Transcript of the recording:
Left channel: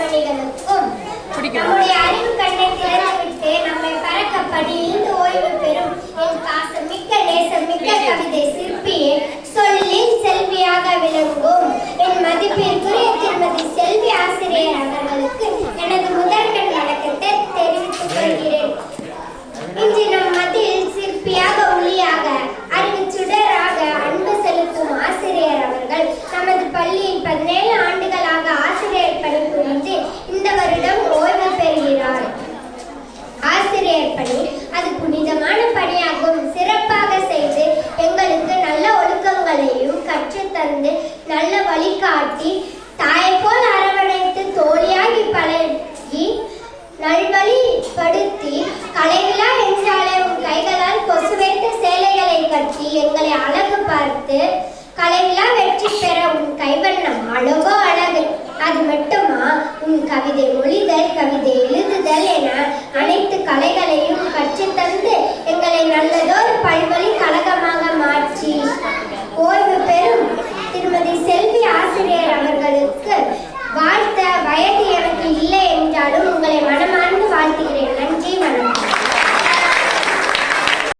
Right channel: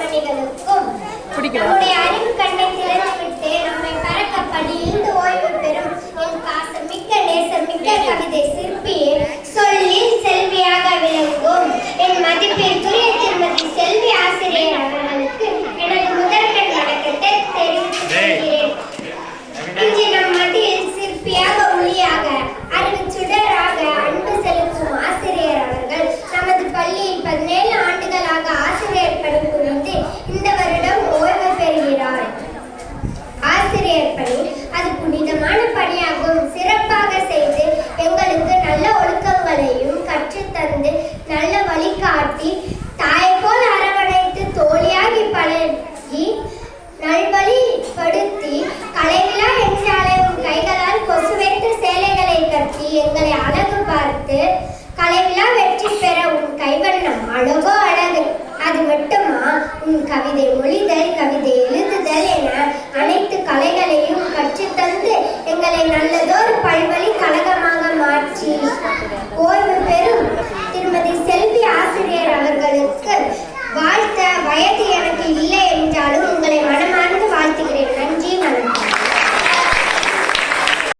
கண்மணிகளுக்கும் நம்முடைய அறிவு கண்ணை திறந்துவிட்டு நம்மை பறக்க படியிலிருந்து ஓய்வு பெறும் என் பாசமிக்க நேசமிக்க கவிதை சிற்பியே, சொல்லில் செல்வியாக விளங்கும் என் மதிப்பிற்குரிய திருமதி செல்வி ஆசிரியர் அவர்களுக்கு எனது முதற்கண் வணக்கத்தை தெரிவித்துக் கொள்கிறேன். இன்று நம் மத்தியில் சிற்பியாக ஒளியாக அறிவு சுடராக அன்பு செலுத்தும் ஆசிரியர் அவர்கள் நமது பள்ளியில் 17 ஆண்டுகளாக ஆசிரியர் பணி புரிந்து இந்த வருடம் ஓய்வு பெறுகிறார். ஆசிரியர் பணி அது புனிதமான பணியாகும். சிறப்பாக செய்து எங்களுக்கு நல்ல ஒழுக்கங்களையும் கற்றுத்தந்து நல்ல வழிகாட்டி தாயை போல் அரவணைத்து தோழியாகி பழகி நல்வழிப்படுத்தி கலைவிழா என்றாலே உன் கைகளால் கொசுவைத்த சேலைகளை கட்டி எங்களை அழகு பார்த்து கலைவிழா வெற்றி பெற உன் கைவண்ணம் அழகோ அழகு. அது மட்டுமா, உன் கவிதை மொழிதல் கவிதை எழுதுதல் என அனைத்து கலைகளையும் கற்றுத்தந்து எங்களை நல்லதொரு பல்வழி கழகமாக மாற்றி ஓய்வு பெறும் திருமதி செல்வி ஆசிரியர் அவர்களுக்கு வாழ்த்த வயது எனக்கு இல்லை